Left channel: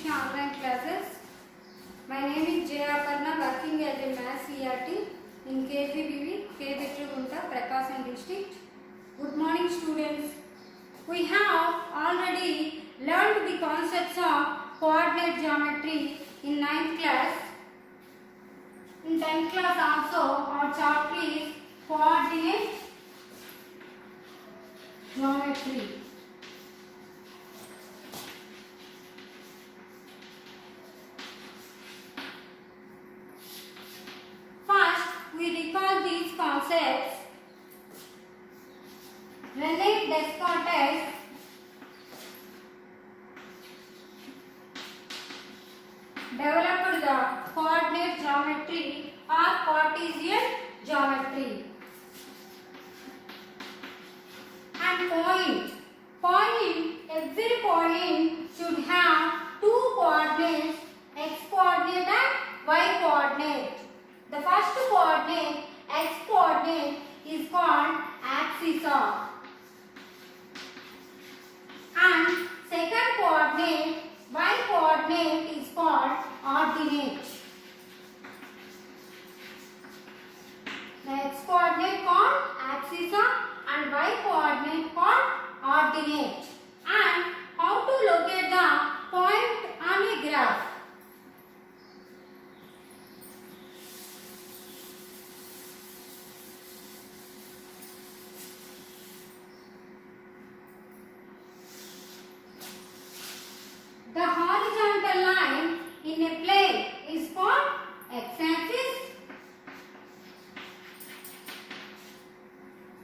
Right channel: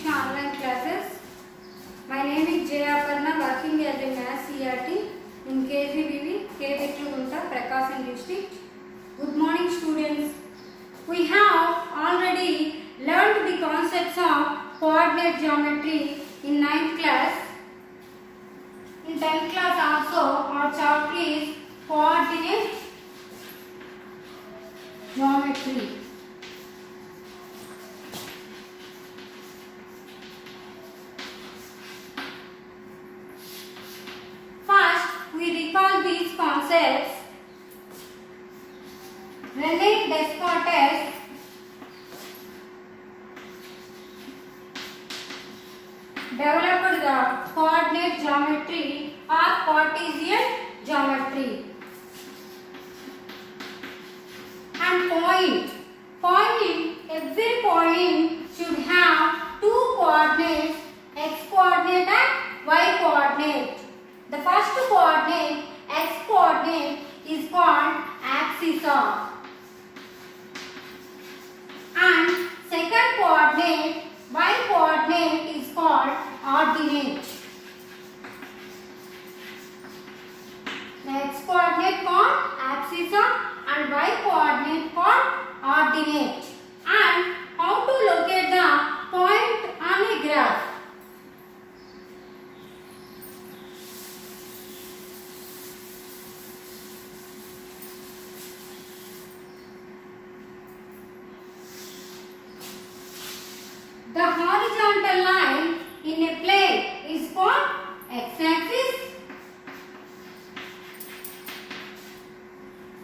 SIKSHA online classes. My name is APARNA, working as a maths CRT in KGBV, BITRAGUNTA, PRAKASAM district. Good morning students. We have already learned the concepts of coordinate geometry in 9th class. In 10th class also our chapter is coordinate geometry. First, we recall these concepts. Rene Descartes developed the coordinate geometry or Cartesian geometry. And every point should have two coordinates, x coordinate and y coordinate. The first coordinate, x coordinate, is called axis of, and second coordinate, y coordinate, is called ordinate. The x coordinate called axis of and y coordinate called ordinate. And how to locate the point on a graph? The horizontal line in a plane is called x-axis,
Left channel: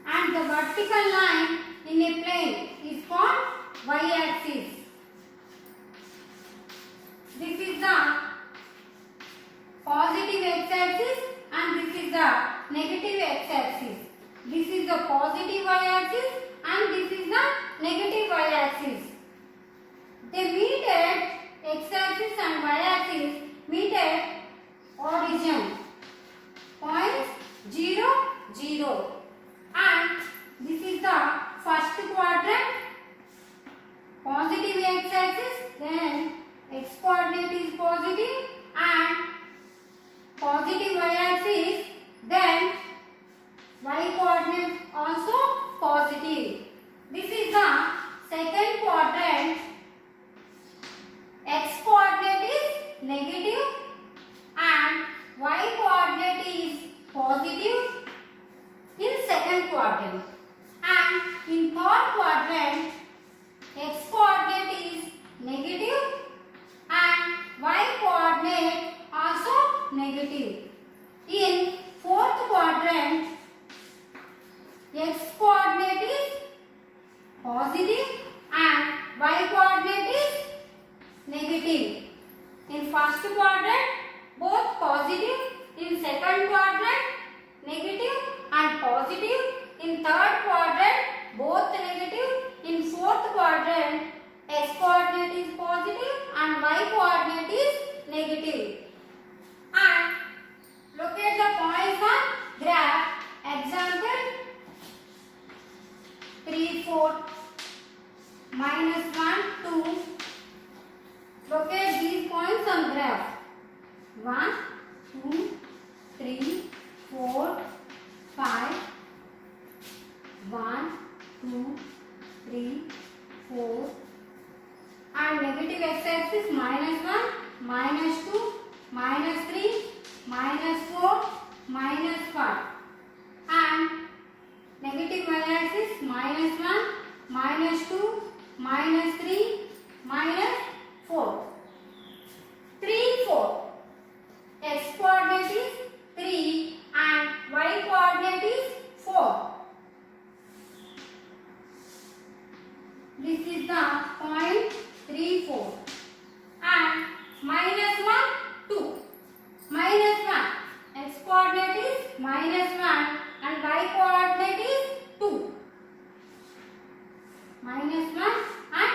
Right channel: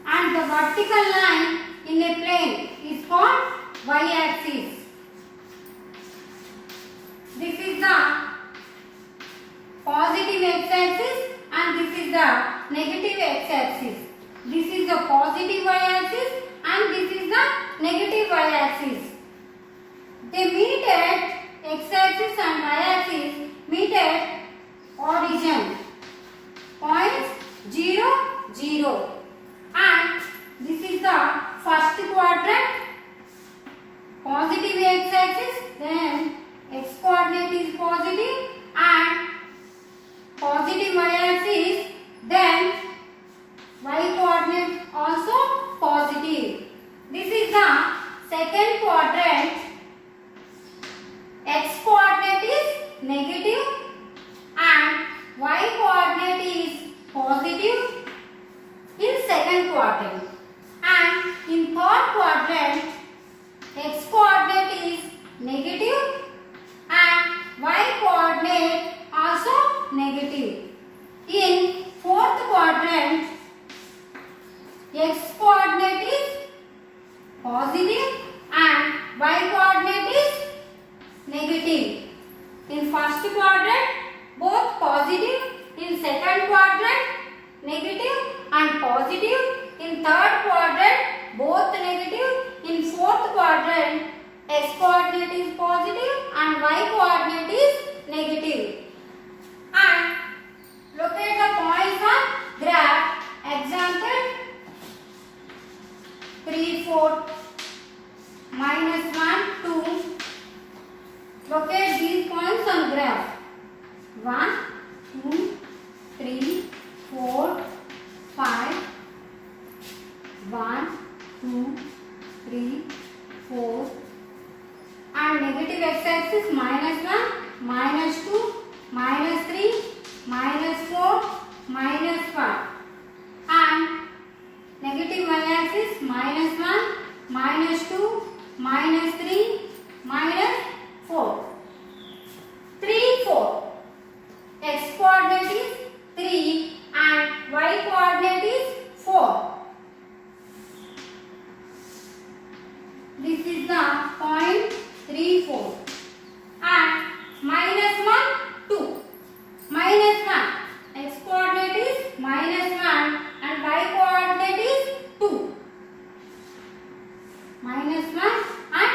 and the vertical line in a plane is called y-axis. This is the positive x-axis and this is the negative x-axis. This is the positive y-axis and this is the negative y-axis. They meet at x-axis and y-axis meet at origin points 0, 0, and this is the first quadrant, positive x-axis, then x coordinate is positive and positive y-axis, then y coordinate also positive. This is the second quadrant. X coordinate is negative and y coordinate is positive in second quadrant, and in third quadrant x coordinate is negative and y coordinate also negative. In fourth quadrant x coordinate is positive and y coordinate is negative. In first quadrant both positive, in second quadrant negative and positive, in third quadrant both negative, in fourth quadrant x coordinate is positive and y coordinate is negative. And locate the points on graph. Example 3, 4, -1, 2. Locate these points on graph. 1, 2, 3, 4, 5. 1, 2, 3, 4. And negative x-axis -1, -2, -3, -4, -5. And negative y-axis -1, -2, -3, -4. 3, 4. X coordinate is 3 and y coordinate is 4. This is the point 3, 4. And -1, 2. -1. X coordinate is -1 and y coordinate is 2. -1 and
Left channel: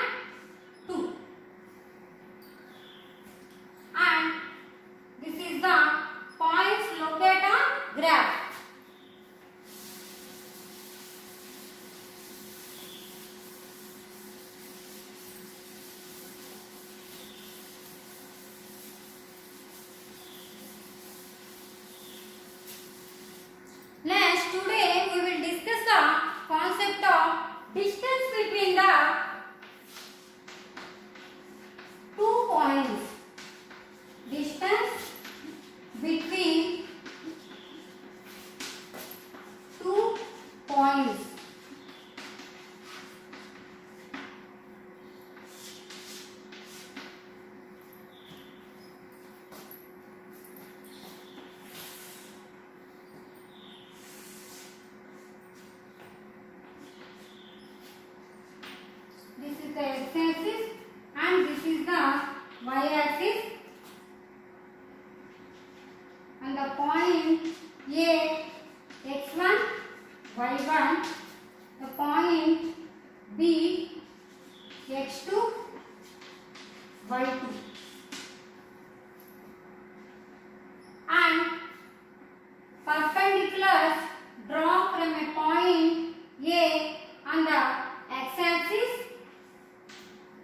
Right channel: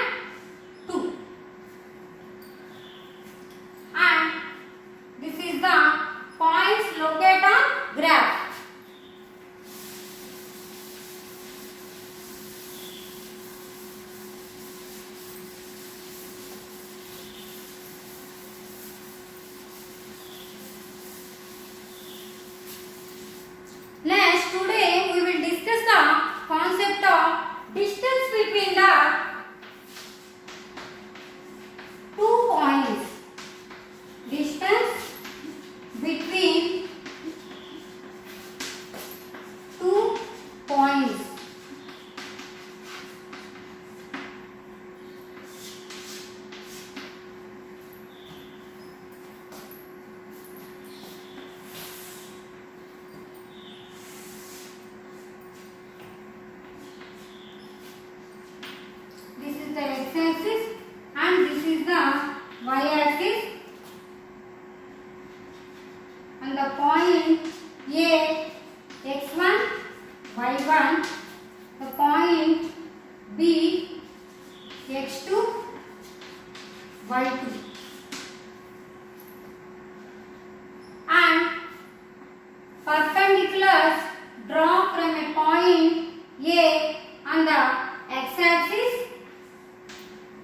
y2. And perpendiculars draw from a point A on the x-axis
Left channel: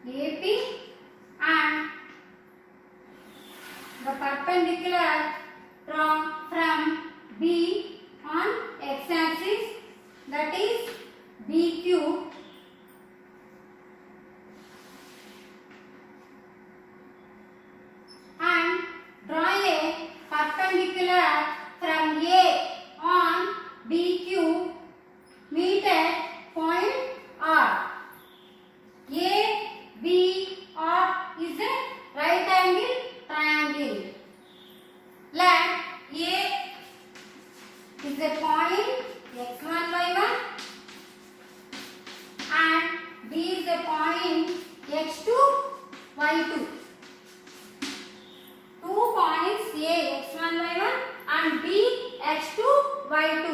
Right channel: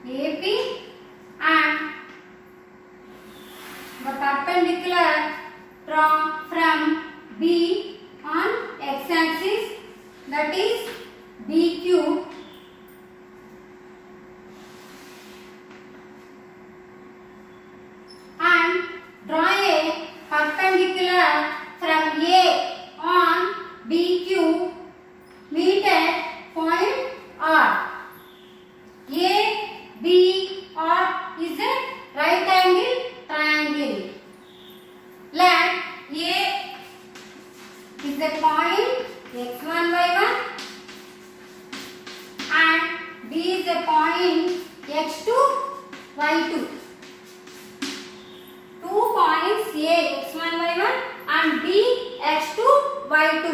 AP, and the perpendicular draw from B on x-axis, that is BQ, and draw a perpendicular from A on BQ meet at point R. A, B, R is a right angle triangle. Let A is a point x1, y1 and B is a point x2, y2. 2 points A, x1, y1 and B, x2, y2.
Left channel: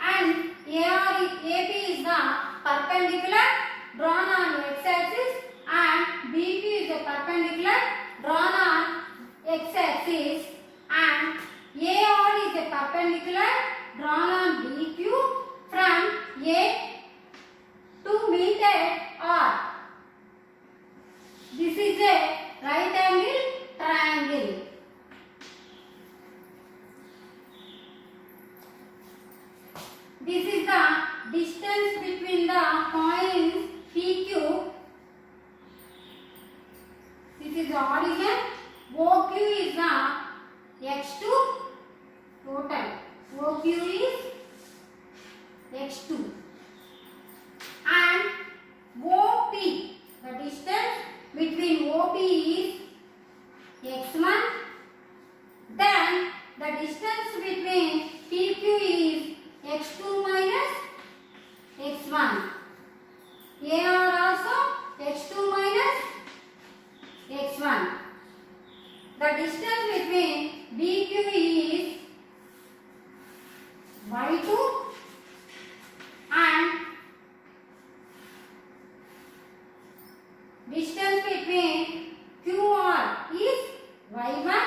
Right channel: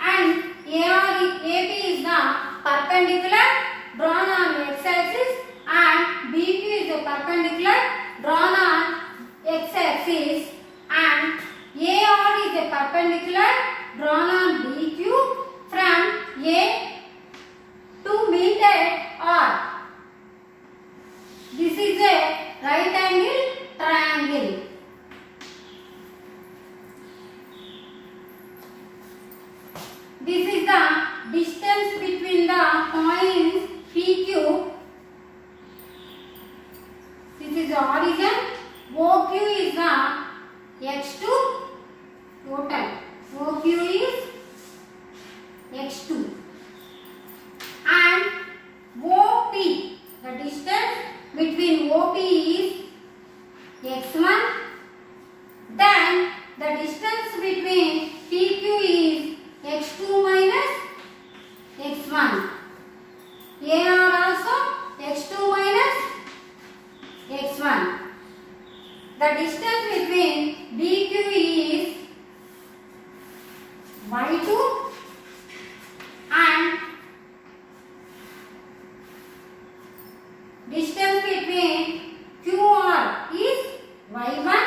And AB is the perpendicular drawn on x-axis and BQ is a perpendicular drawn on x-axis, and AR is a perpendicular drawn on BQ from A to meet at R. This is a right angle triangle. This is the distance between the points PQ. This is the origin. OQ is the x2 total. OQ is x2. And OP, the distance between OP is x1. Then the distance between PQ is x2 minus x1. AR also x2 minus x1. The distance between BQ is y2 and distance between QR is y1.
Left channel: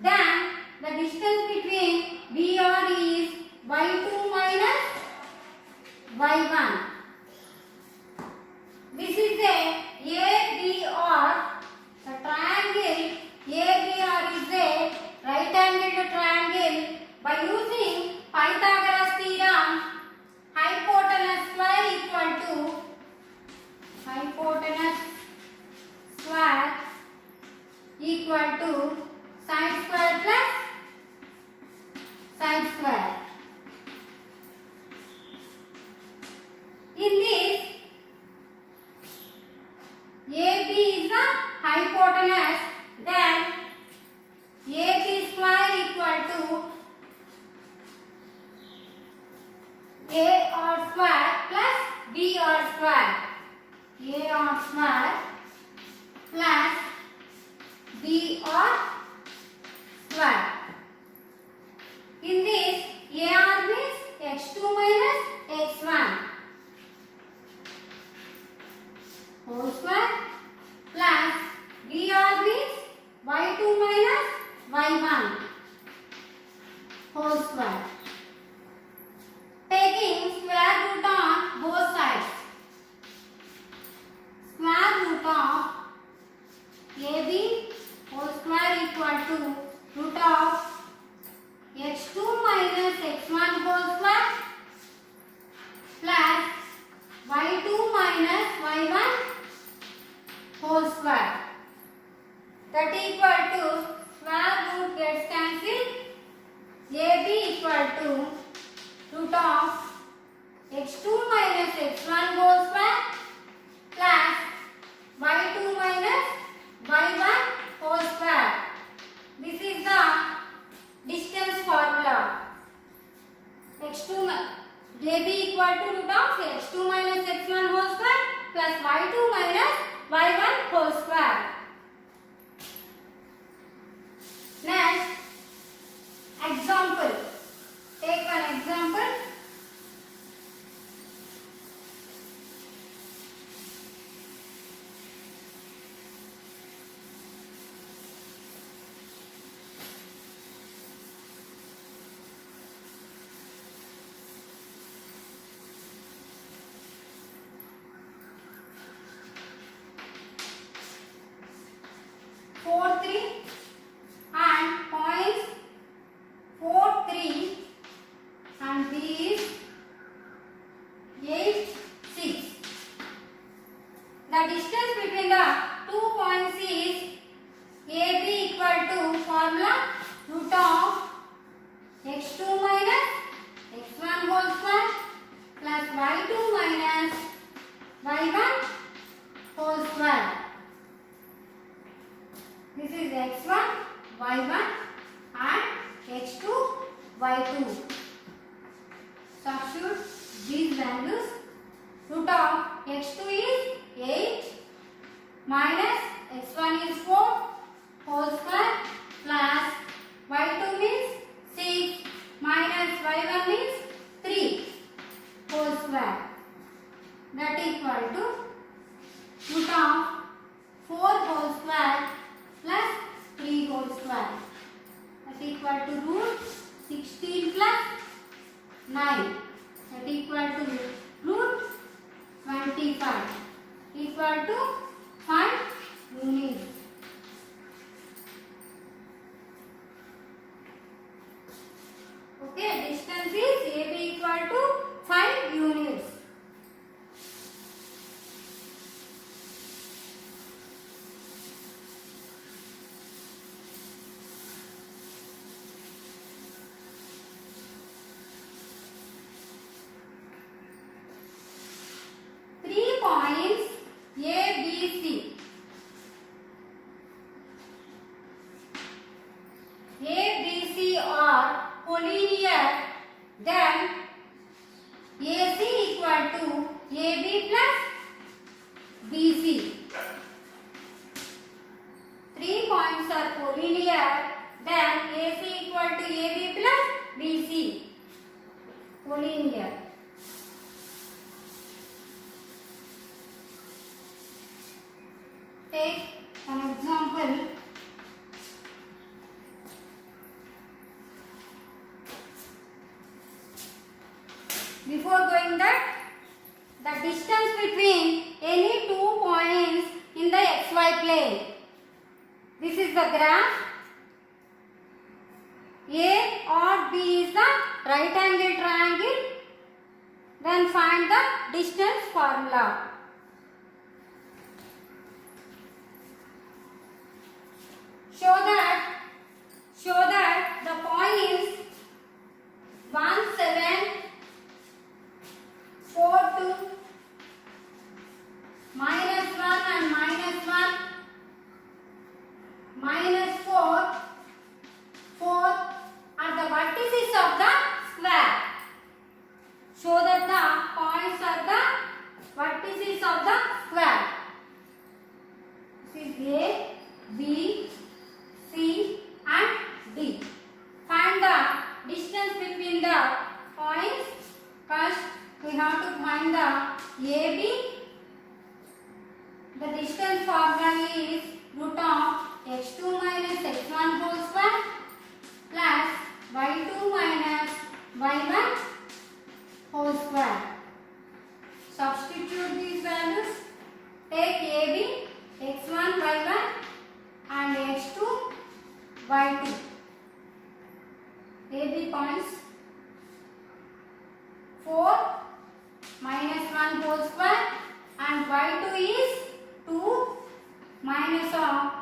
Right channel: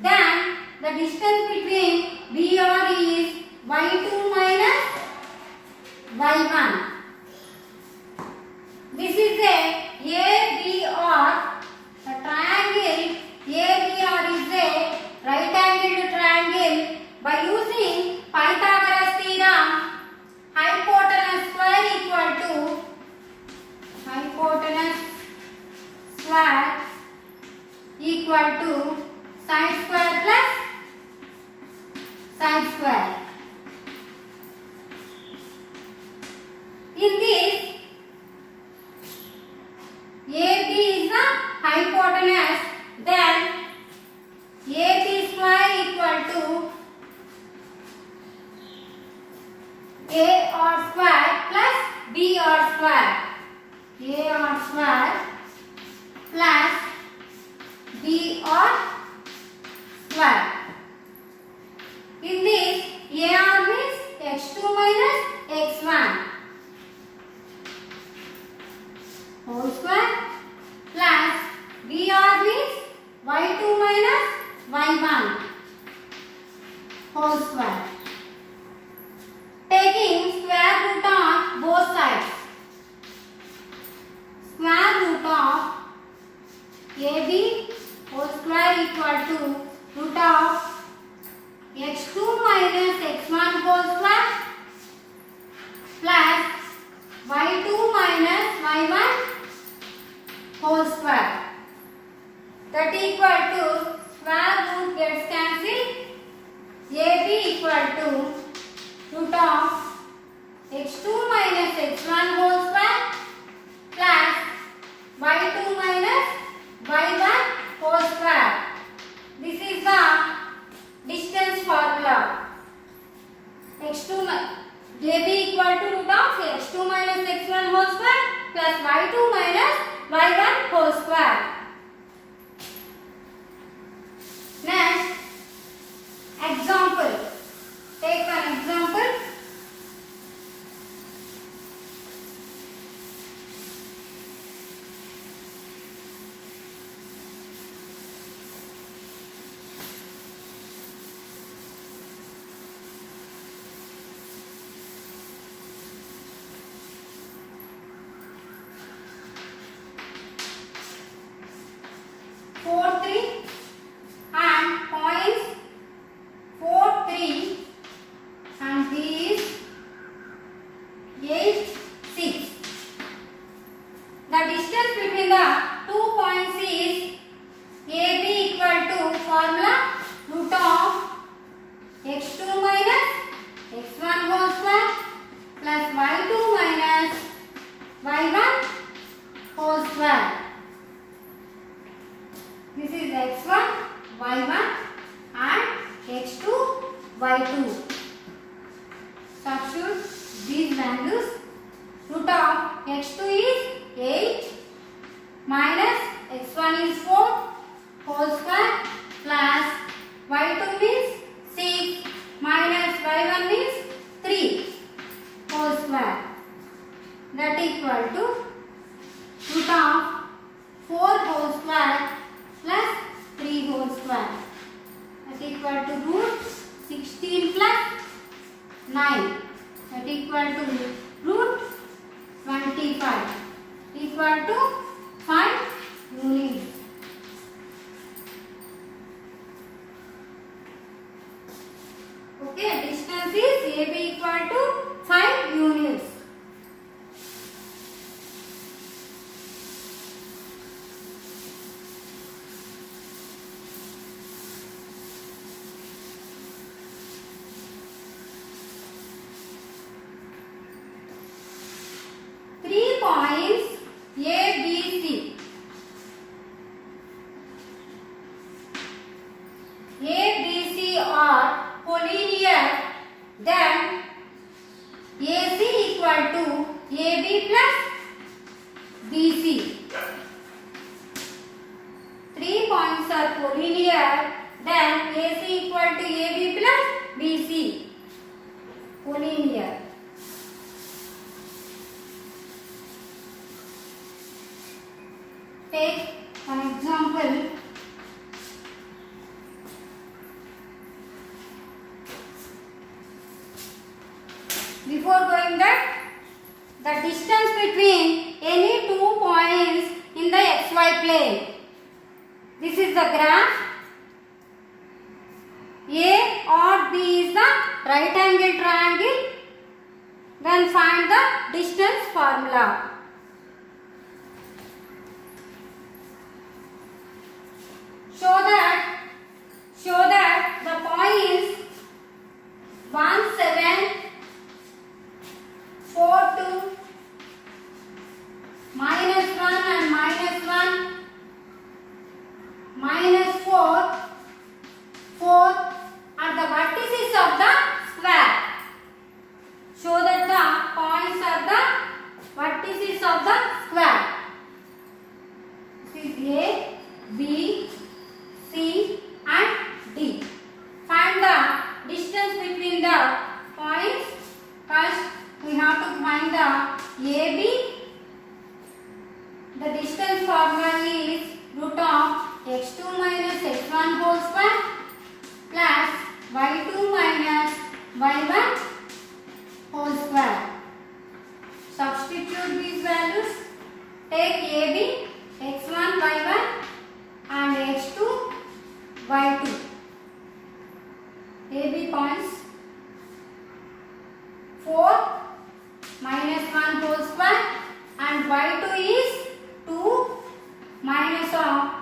Then the distance between BR is y2 minus y1. This is a ABR. The triangle ABR is a right angled triangle. By using Pythagoras theorem, hypotenuse square equal to sine square plus sine square. In this, AB is the hypotenuse, then AB square equal to AR square plus BR square. AR square plus BR square. In this, AR means x2 minus x1 whole square plus BR means y2 minus y1 whole square. Taking square root on both sides. Square root of AB whole square equal to root of x2 minus x1 whole square plus y2 minus y1 whole square. That equal to square root gets cancelled. AB equal to root of x2 minus x1 whole square plus y2 minus y1 whole square. This is the distance formula. x2 AB equal to root of x2 minus x1 whole square plus y2 minus y1 whole square. Next, example. Take one example. is x1, y1 and x2, y2. Substitute these values. Root of x2 is 8 minus x1 is 4 whole square plus y2 means 6 minus y1 means 3 whole square. That equal to root of 4 whole square plus 3 whole square. That equal to root 16 plus 9. That equal to root 25 equal to 5 units. Okay, distance is AB equal to 5 units. Points A, B, C. A, B, C are collinear, then AC equal to AB plus BC. 3 points are collinear, then AC equal to AB plus BC. Collinear. Take an example. Before going that, the distance between any 2 points in the xy plane. This is the graph. A or B is the right angle triangle. Then find the distance formula. Show that the points 1, 7, 4, 2, minus 1 and minus 1, minus 4, 4 are the vertices of the square. Show that the points are the vertices of the square. This is A, B, C and D. Find the distance between the points. First, we have to find the AB. The distance formula is root of x2 minus x1 whole square plus y2 minus y1 whole square. Substitute these values. Take AB, x1, y1 and x2, y2. AB points 4 minus 1 whole square and y2 is 2 minus of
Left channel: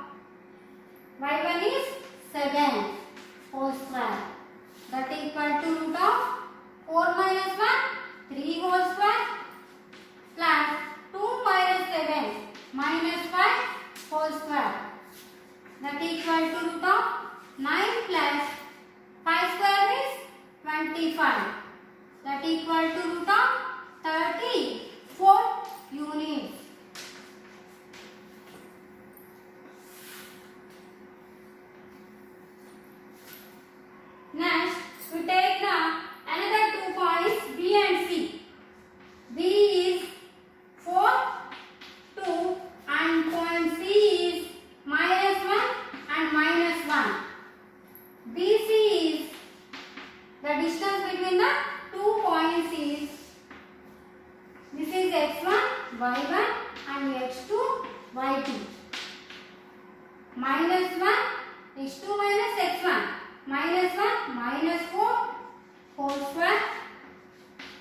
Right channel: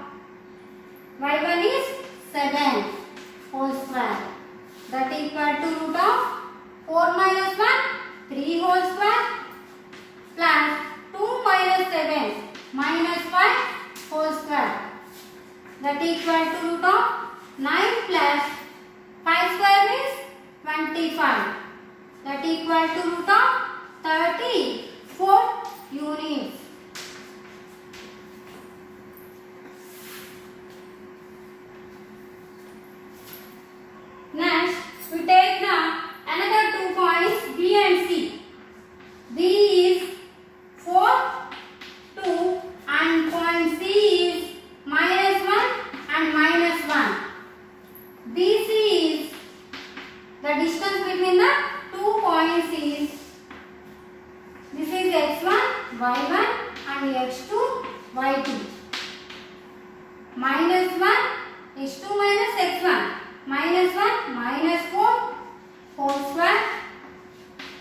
y1 is 7 whole square. That equal to root of 4 minus 1 3 whole square plus 2 minus 7 minus 5 whole square. That equal to root of 9 plus 5 square is 25. That equal to root of 34 units. Next, we take now another 2 points B and C. B is 4, 2 and point C is minus 1 and minus 1. BC is the distance between the 2 points is, this is x1, y1 and x2, y2. Minus 1, x2 minus x1, minus 1, minus 4 whole square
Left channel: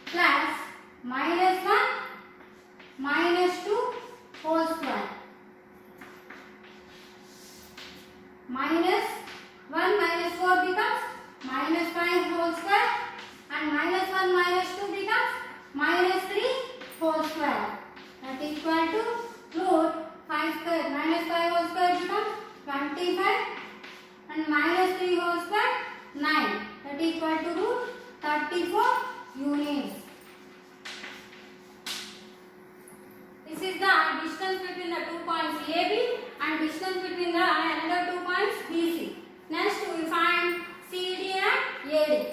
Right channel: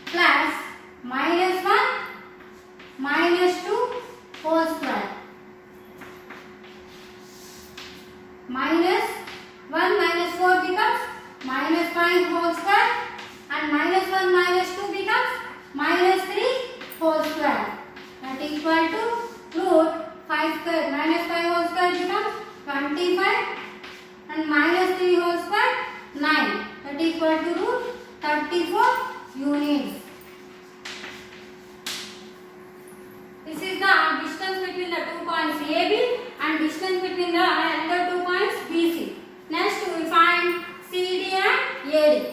plus minus 1, minus 2 whole square. Minus 1 minus 4 becomes minus 5 whole square and minus 1 minus 2 becomes minus 3 whole square. That equal to root 5 square minus 5 whole square becomes 25 and minus 3 whole square 9. That is equal to root 34 units. This is the distance between the 2 points AB and distance between the another 2 points BC. Next we find CD and AD.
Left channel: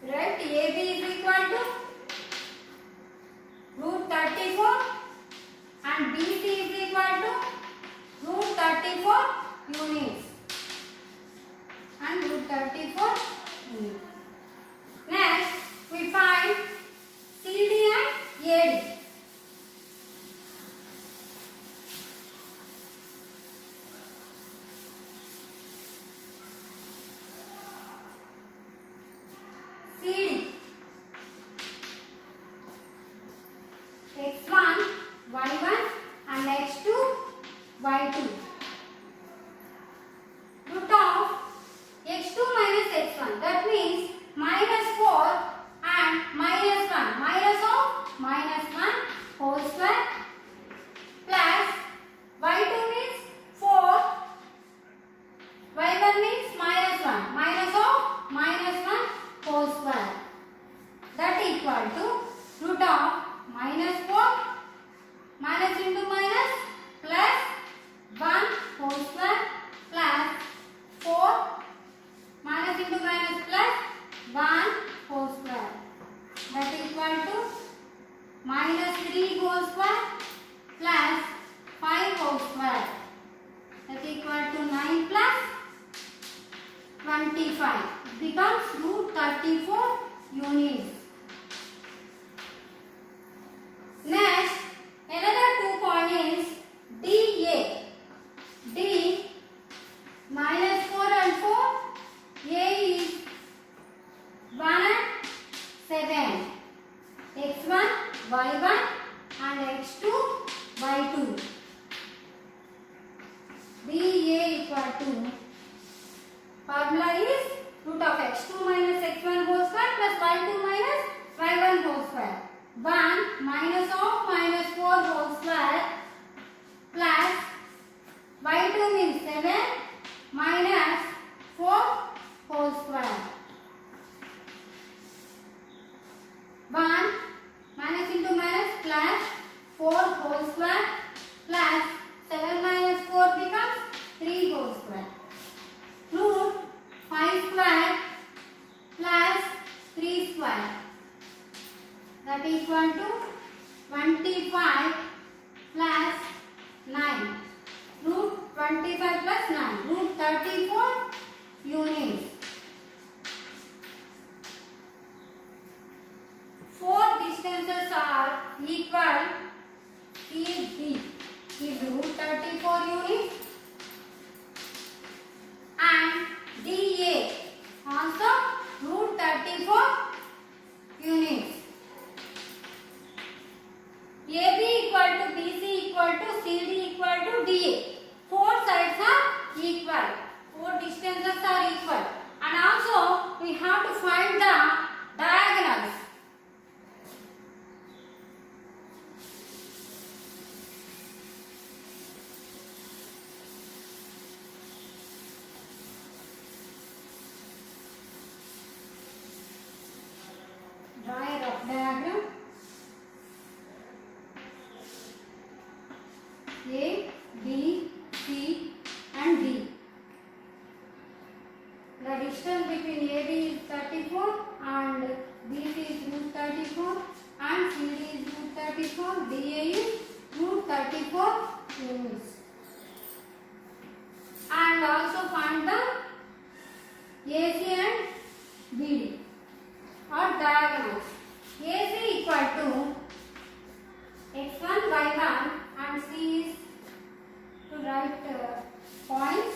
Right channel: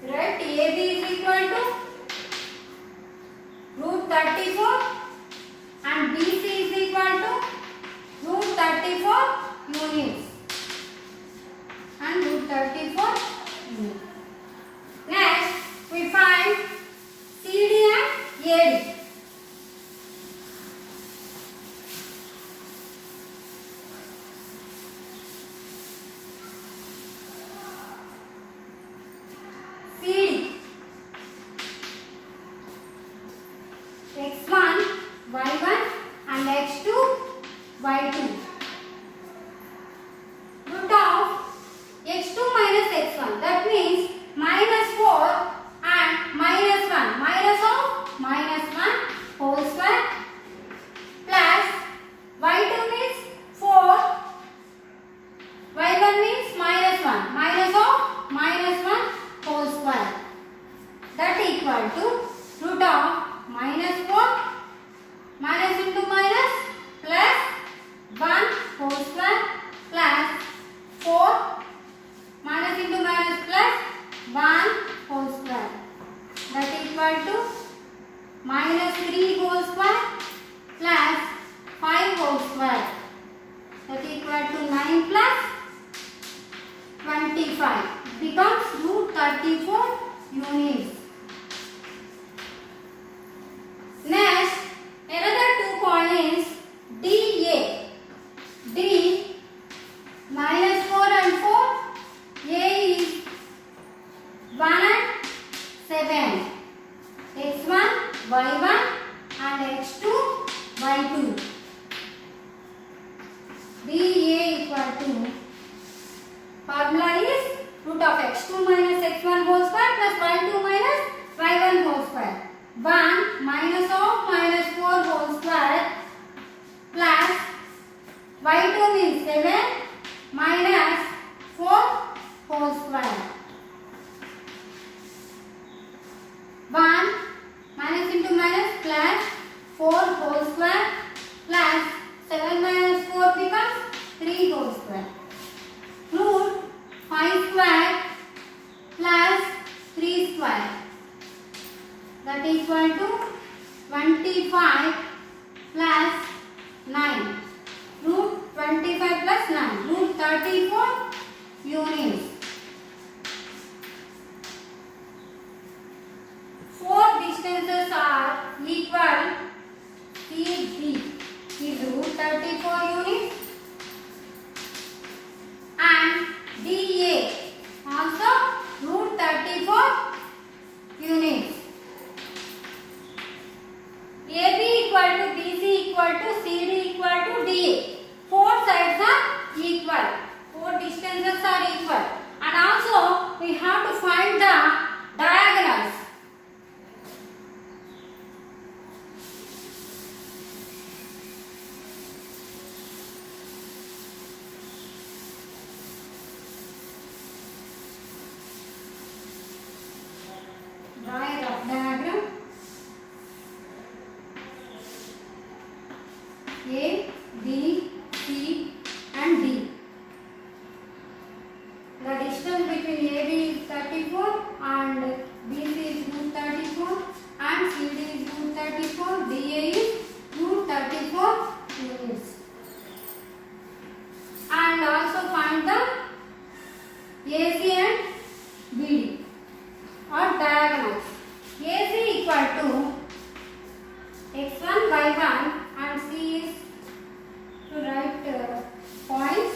Right, AB is equal to root 34 and BC is equal to root 34 units and root 34 units. Next we find CD and AD. CD x1 y1 and x2 y2. Root of x2 minus x1, that means minus 4 and minus 1, minus of minus 1 whole square plus y2 means 4, y1 means minus 1, minus of minus 1 whole square. That equal to root of minus 4 minus into minus plus 1 whole square plus 4 minus into minus plus 1 whole square. That equal to minus 3 whole square plus 5 whole square. That equal to 9 plus 25. Becomes root 34 units. Next, another 2 points DA. D minus 4 and 4. A is 1 and 7. X1, Y1 and X2, Y2. DA equal to, formula is root of x2 minus x1 whole square plus y2 minus y1 whole square. 1 minus of minus 4 whole square plus y2 means 7 minus 4 whole square. 1 minus into minus plus 4 whole square plus 7 minus 4 becomes 3 whole square. Root 5 square plus 3 square. That is equal to 25 plus 9. Root 25 plus 9. Root 34 units. 4 distances are equal. CD is root 34 units and DA also root 34 units. AB equal to BC equal to CD equal to DA. 4 sides are equal. 4 distances are equal. And also we have to find the diagonals. Draw a rough diagram. A, B, C and D. The distance between AB is 34 and BC is root 34 and CD is root 34, DA is root 34 units. And also find the AC and BD or diagonals. AC equal to x1, y1 and C is to write points.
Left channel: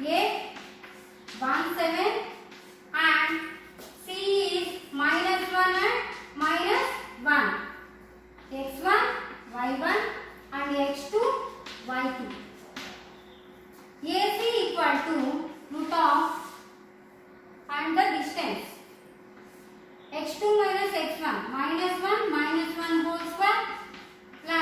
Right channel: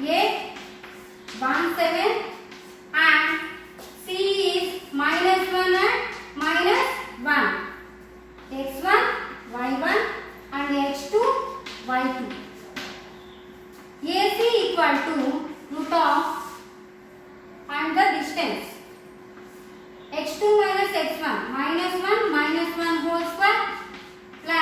A 1, 7 and C is minus 1 and minus 1. X1, Y1 and X2, Y2. AC equal to root of and the distance. X2 minus X1 minus 1 whole square plus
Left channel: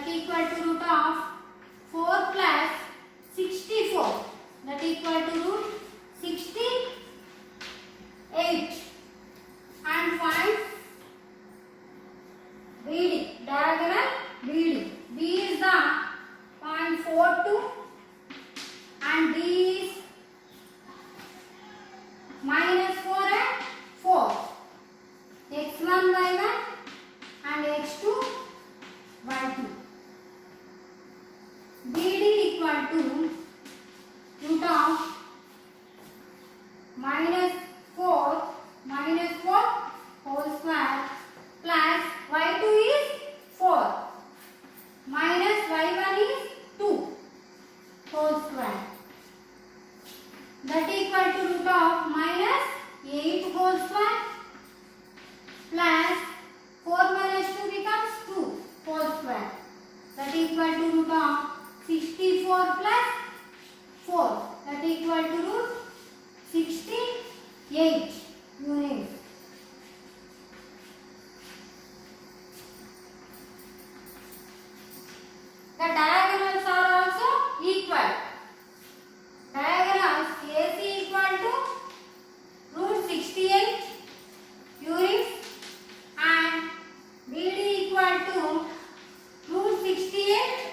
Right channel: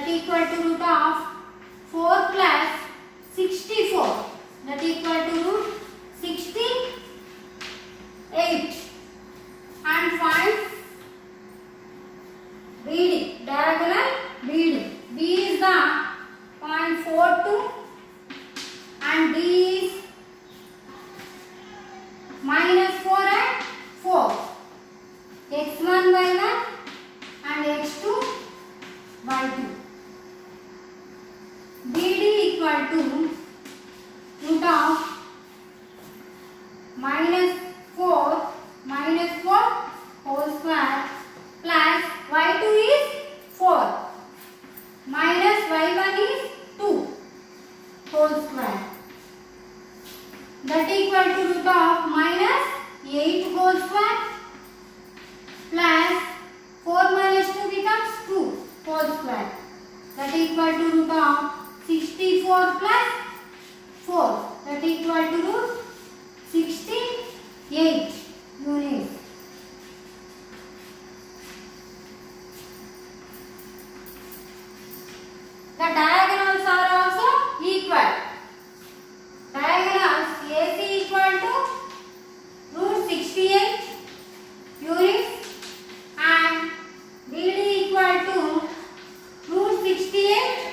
that equal to root of 4 plus 64 that equal to root 68 and find BD, diagonal BD. B is the 0.42 and D is minus 4 and 4. x1 by 1 and x2 by 2. BD equal to root of minus 4 whole square plus y2 is 4 minus y1 is 2 whole square that equal to root of minus 8 whole square plus 4 minus 2 becomes 2 whole square that equal to root of 64 plus 4 that equal to root 68 units. The diagonals are also equal. Diagonals AC equal to root 68 units and BD equal to root 68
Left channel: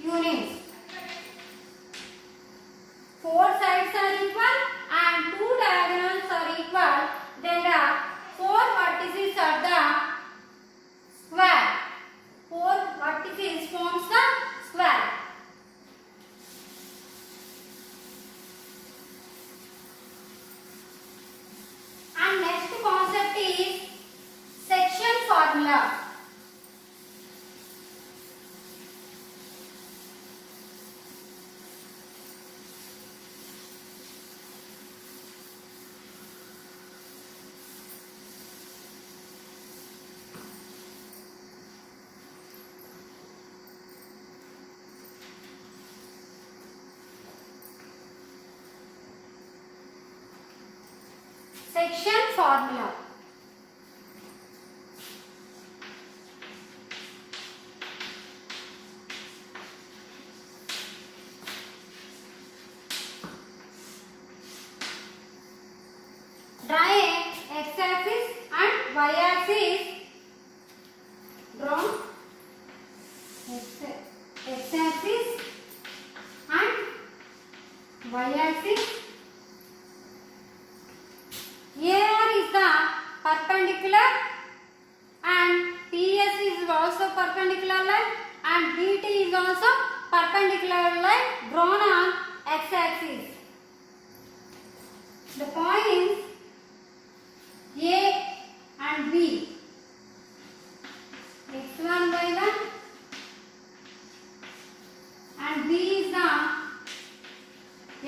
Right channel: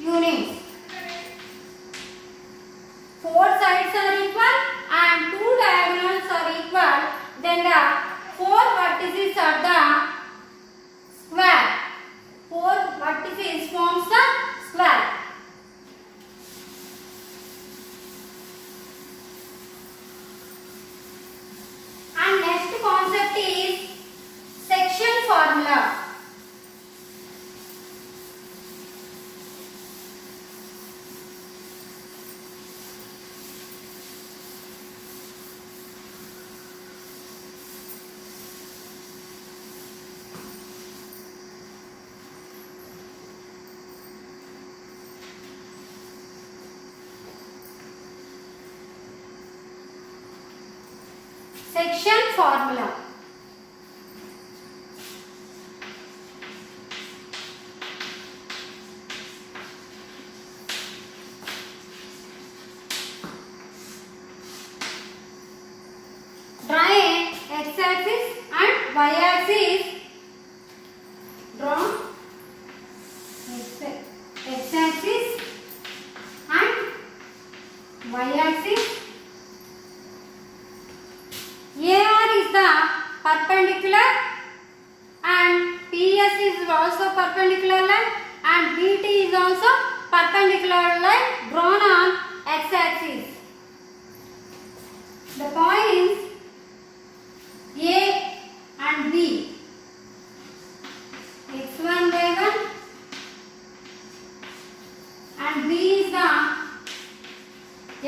units. 4 sides are equal and 2 diagonals are equal. Then the 4 vertices are the square. 4 vertices forms the square. And next concept is section formula. Section formula. Draw a x-axis and y-axis. Draw x-axis and y-axis. AR is the perpendicular and PS is also perpendicular line and BT is also perpendicular line drawn on x-axis. The points A and B, x1 by 1 and B is the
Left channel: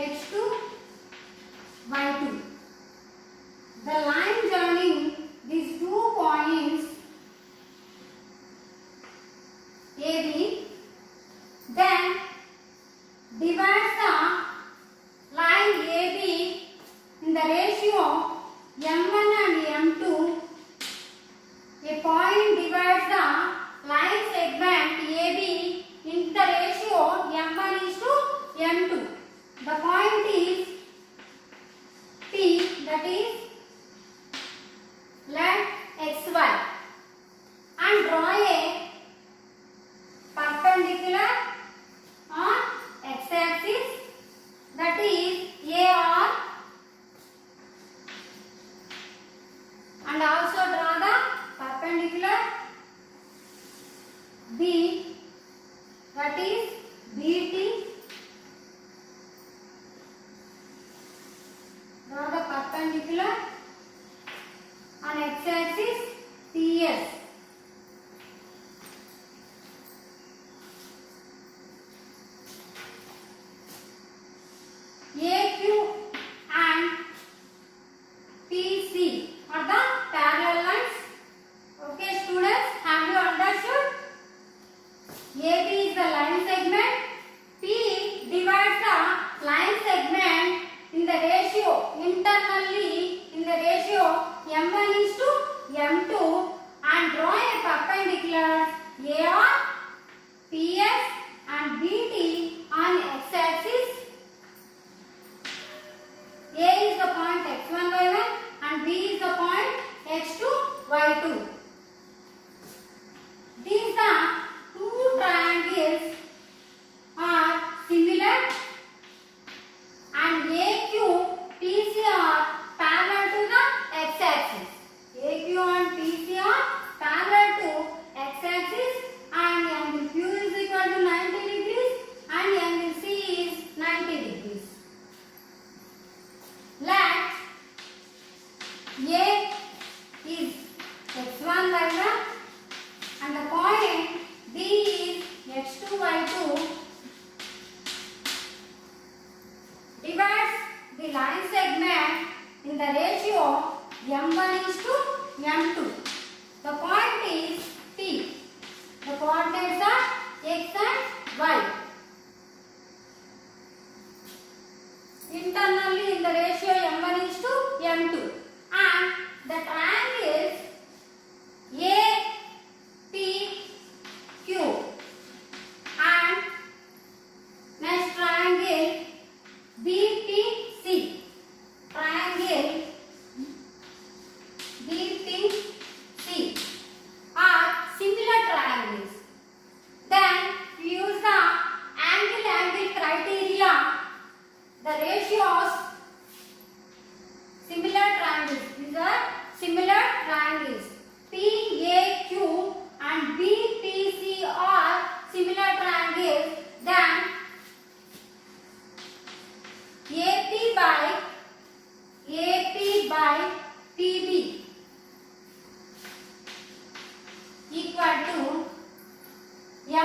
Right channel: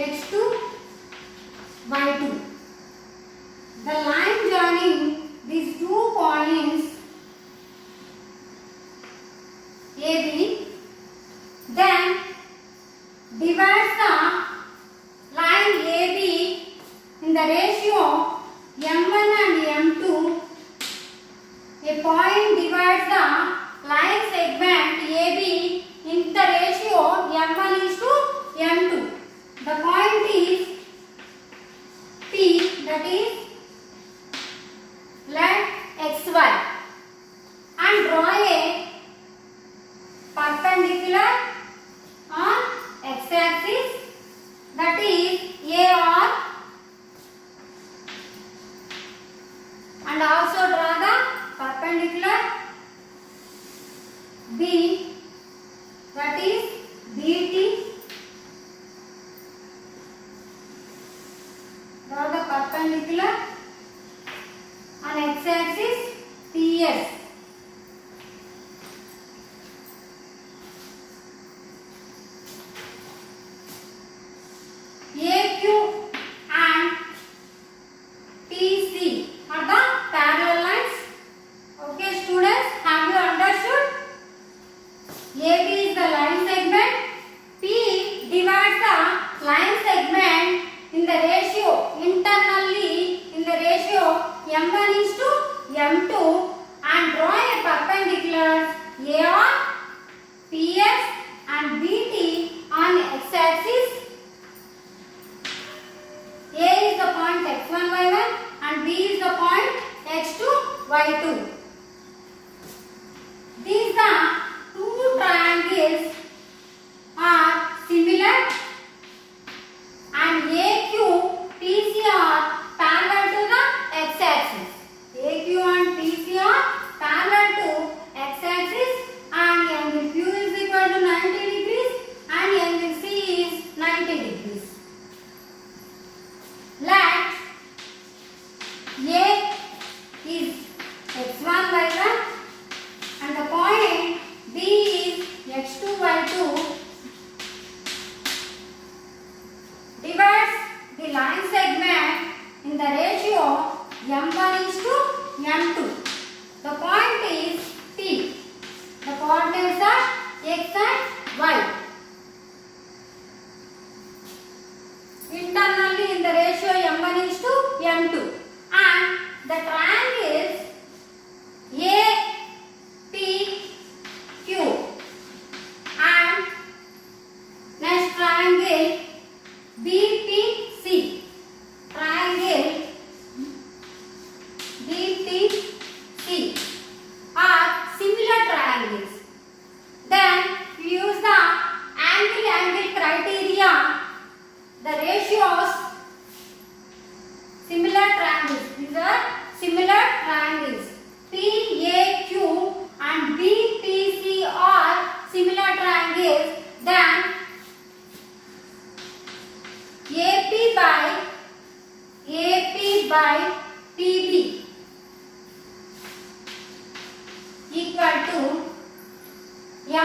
x2 by 2. The line joining these 2 points AB then divides the line AB in the ratio M1 and M2. A point divides the line segment AB in the ratio M1 is to M2. The point is P, that is let xy and draw a perpendicular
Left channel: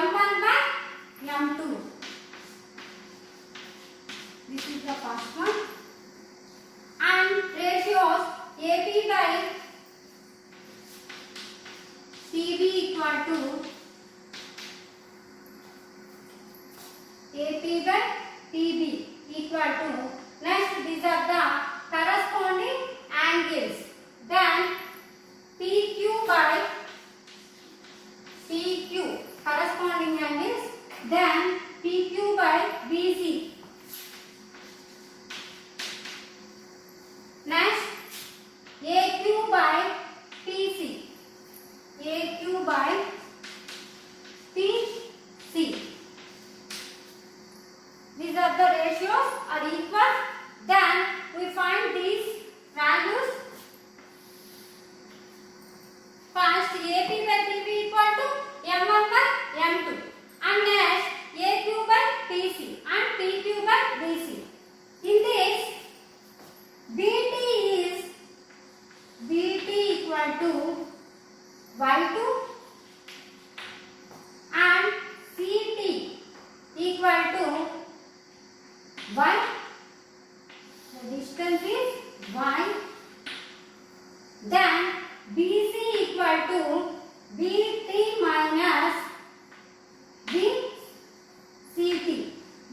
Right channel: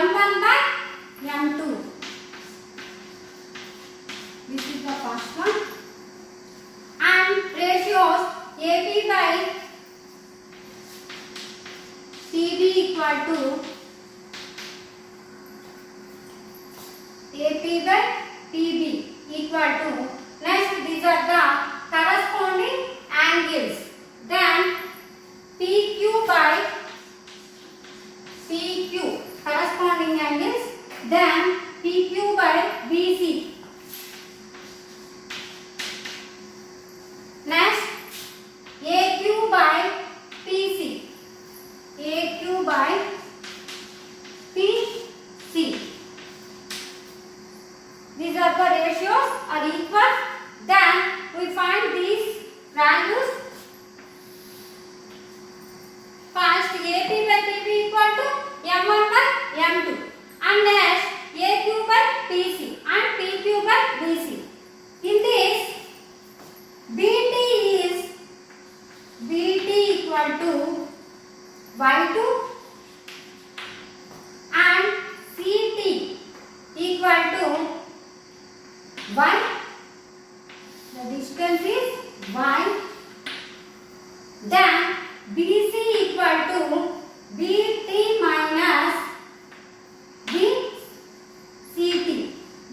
m1 by m2. This is the first one. And ratios AP by PB equal to AP by PB equal to, next these are the corresponding angles. Then PQ by PQ corresponding angles. Then PQ by BC. Next AQ by PC. AQ by PC. These are the ratios are equal. Then we find these values. First AP by PB equal to M1 by M2. And next AQ by PC and PQ by BC. In this BT equal to Y2 and CT equal to 1. The distance is 1. Then BC equal to BT minus BCT.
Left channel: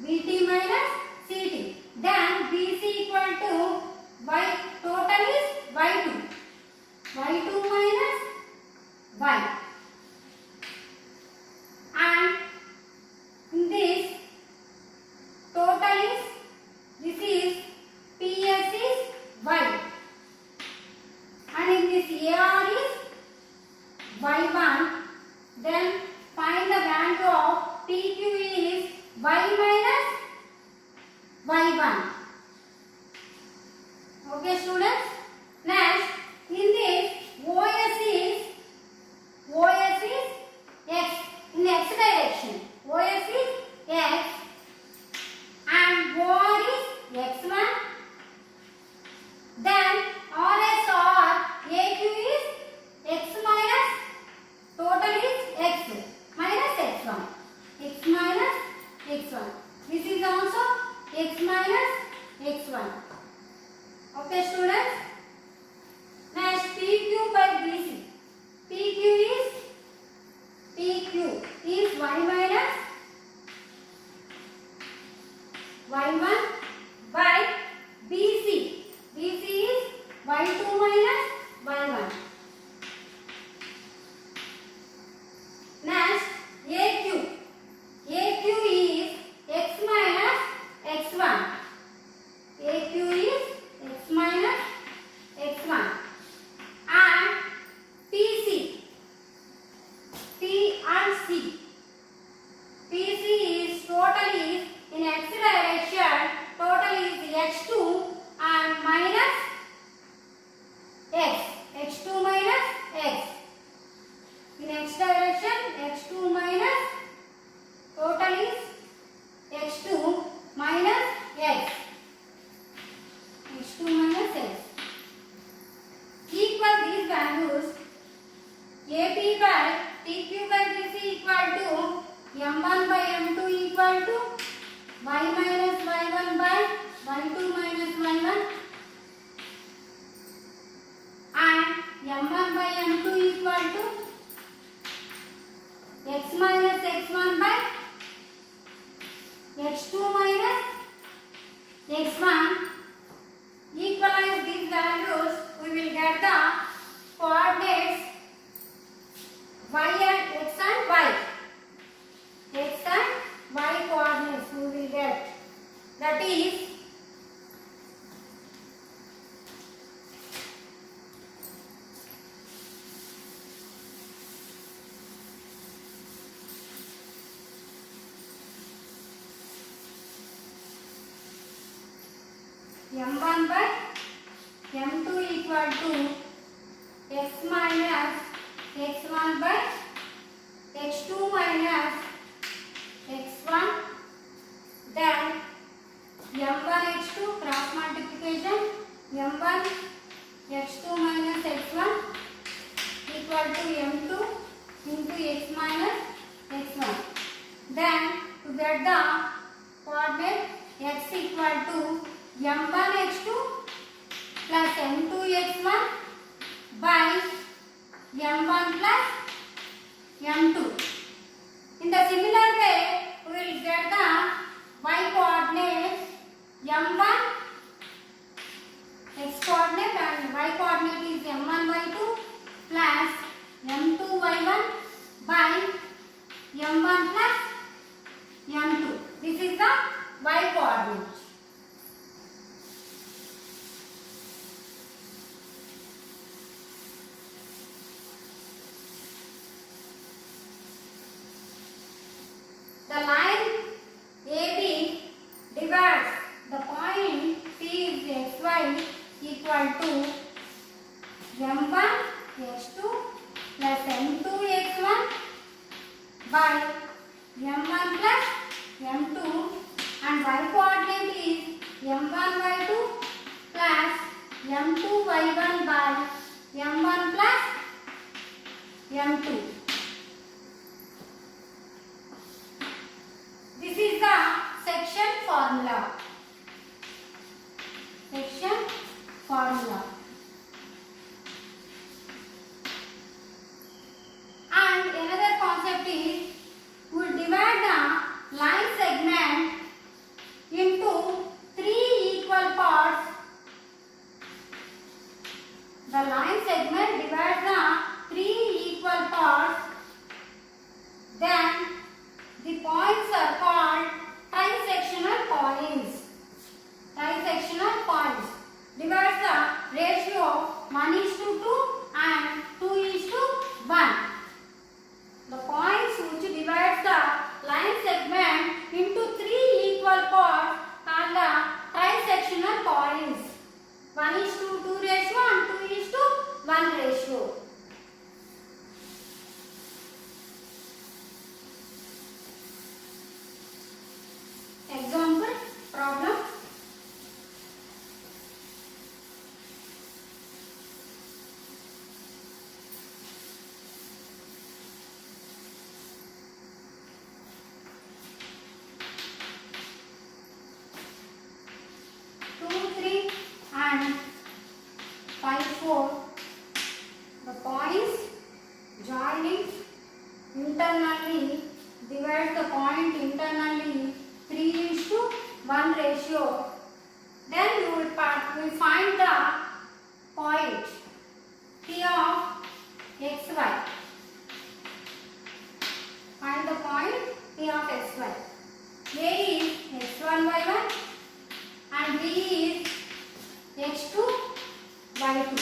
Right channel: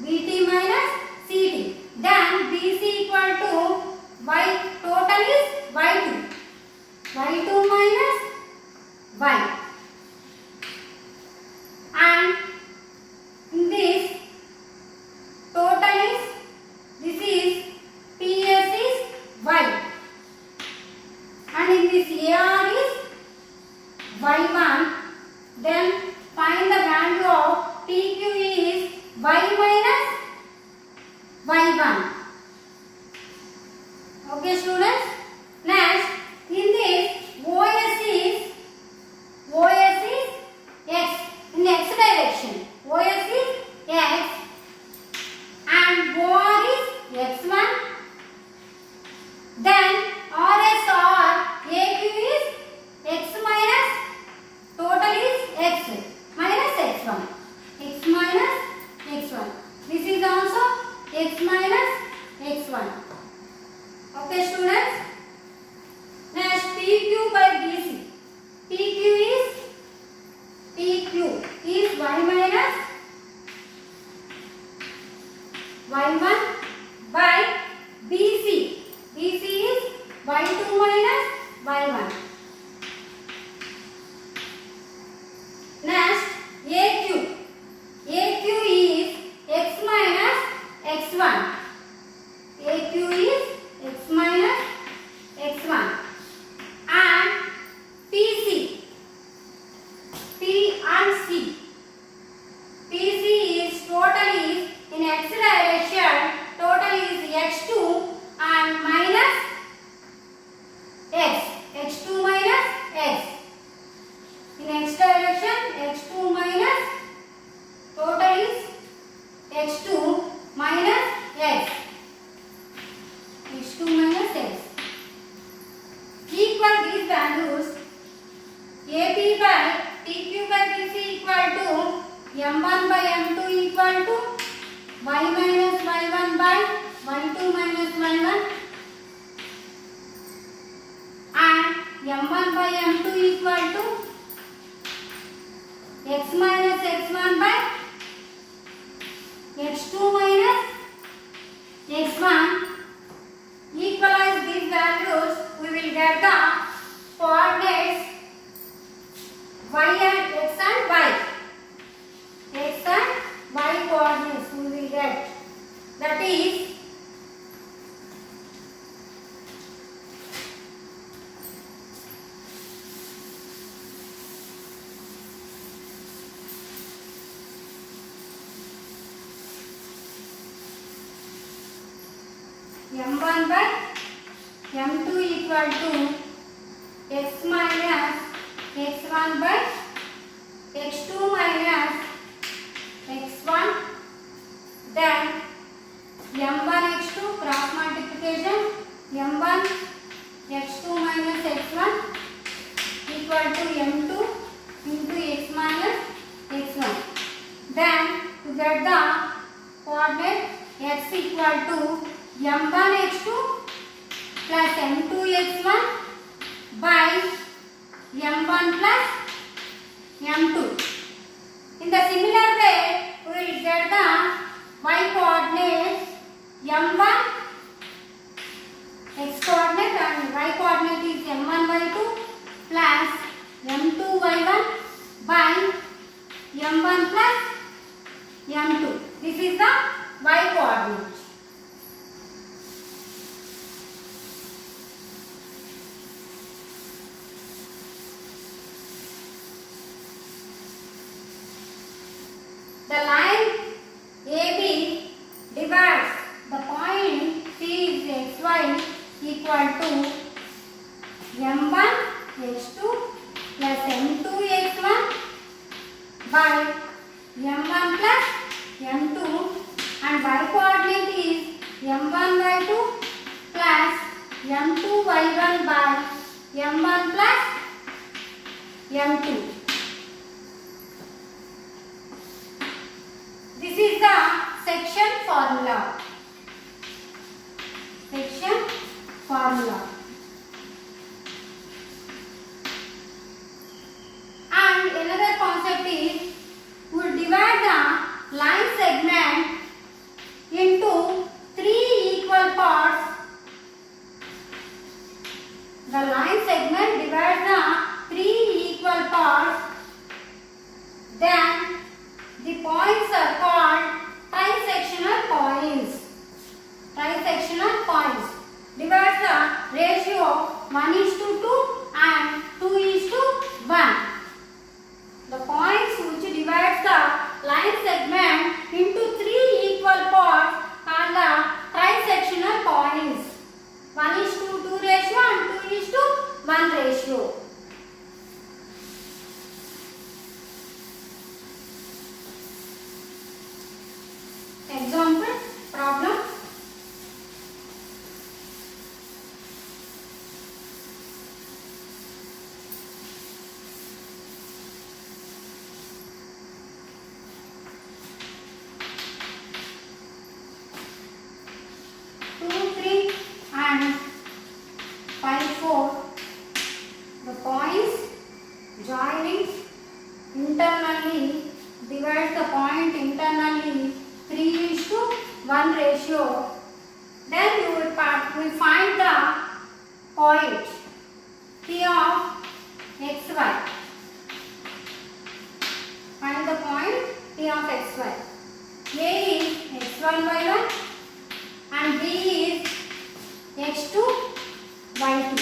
BT minus CT. Then BC equal to Y. Total is Y2. Y2 minus Y. And in this total is, this is PS is Y. And in this AR is Y1. Then find the value of PQ is Y minus Y1. Okay students. Next in this OS is X in X direction. OS is X and OR is X1. Then RS or AQ is X minus, total is X minus X1. X minus X1. This is also X minus X1. Okay students. Next PQ by BC. PQ is Y minus Y1 by BC. BC is Y2 minus Y1. Next AQ. AQ is X minus X1. AQ is X minus X1. And PC. P and C. PC is total is in X direction. Total is X2 and minus X. X2 minus X. In X direction, X2 minus, total is X2 minus X. X2 minus X. Equal these values. AP by PQ by BC equal to M1 by M2 equal to Y minus Y1 by Y2 minus Y1. And M1 by M2 equal to X minus X1 by X2 minus X1. Equalize these values, we will get the coordinates Y and X and Y. X and Y coordinates we will get. That is M1 by M2 equal to X minus X1 by X2 minus X1. Then M1 X2 cross multiplication. M1 X2 minus X1 equal to M2 into X minus X1. get the coordinate x equal to m1 x2 plus m2 x1 by m1 plus m2. In the similar way, we will get the y coordinate m1 x coordinate and y coordinate is m1 y2 plus m2 y1 by m1 plus m2. This is the y coordinate. The line AB divides the point P is xy equal to m1 x2 plus m2 x1 by m1 plus m2 and y coordinate is m1 y2 plus m2 y1 by m1 plus m2. This is the section formula. Section formula. And another concept is we divide the line segment into 3 equal parts. The line segment divides the 3 equal parts. Then the points are called trisectional points. Trisectional points divides the ratio 1:2 and 2:1. The points which divides the line segment into 3 equal parts are the trisectional points. 1:2 ratio and 2:1 ratio. Example problem. The points joining internally divide the point internally 3:1 ratio. Then we find the point P of xy. Find the point P of xy. A is x1 y1 and B is x2 y2.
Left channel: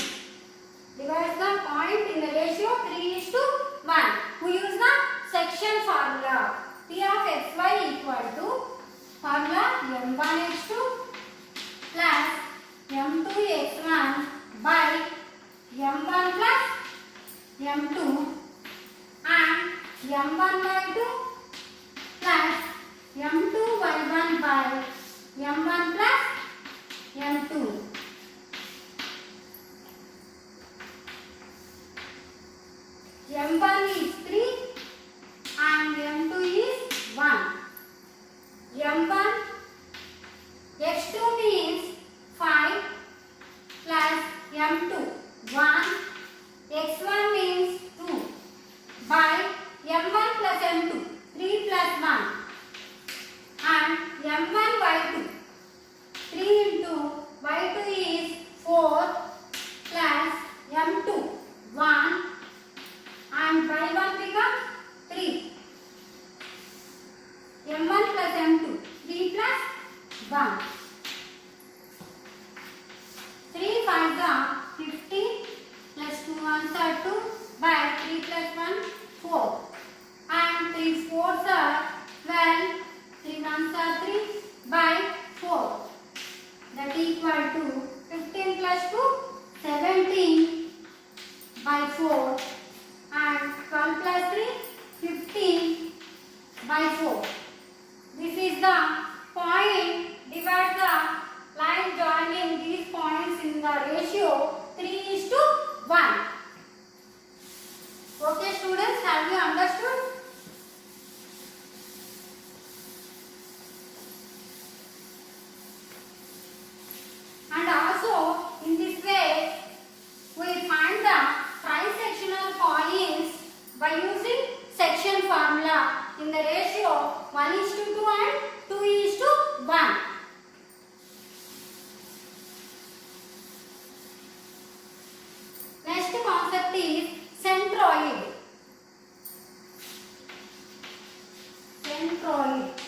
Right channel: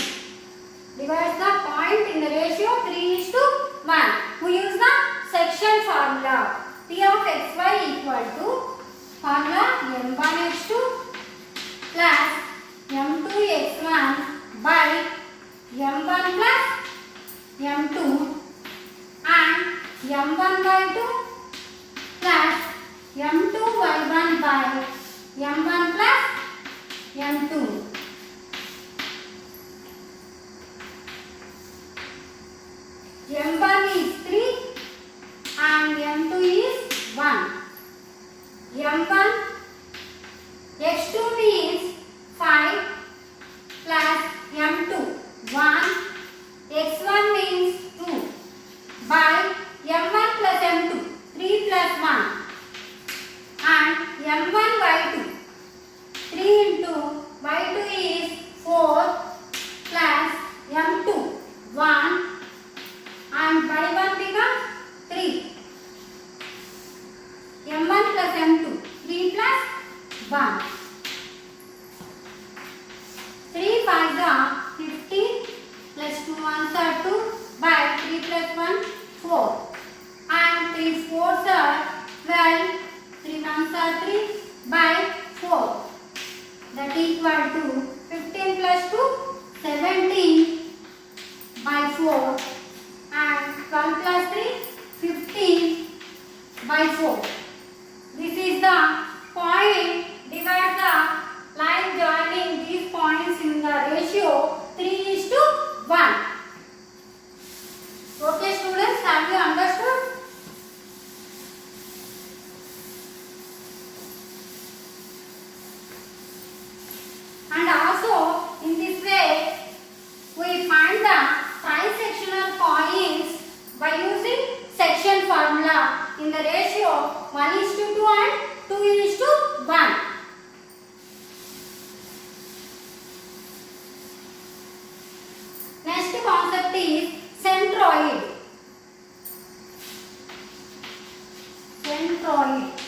Divides the point in the ratio 3:1. We use the section formula. P of xy equal to formula m1 x2 plus m2 x1 by m1 plus m2 and m1 y2 plus m2 y1 by m1 plus m2. m1 is 3 and m2 is 1. m1 x2 means 5 plus m2 1. x1 means 2 by m1 plus m2 3 plus 1 and m1 y2 3 into y2 is 4 plus m2 1 and y1 becomes 3. m1 plus m2 3 plus 1. 3 5 are 15 plus 2 1s are 2 by 3 plus 1 4 and 3 4s are 12. 3 1s are 3 by 4. That equal to 15 plus 2 17 by 4 and 12 plus 3 15 by 4. This is the point. Divide the line joining these points in the ratio 3:1. Okay students, have you understood? in the ratio 1:2 and 2:1. Next concept is centroid. Centroid.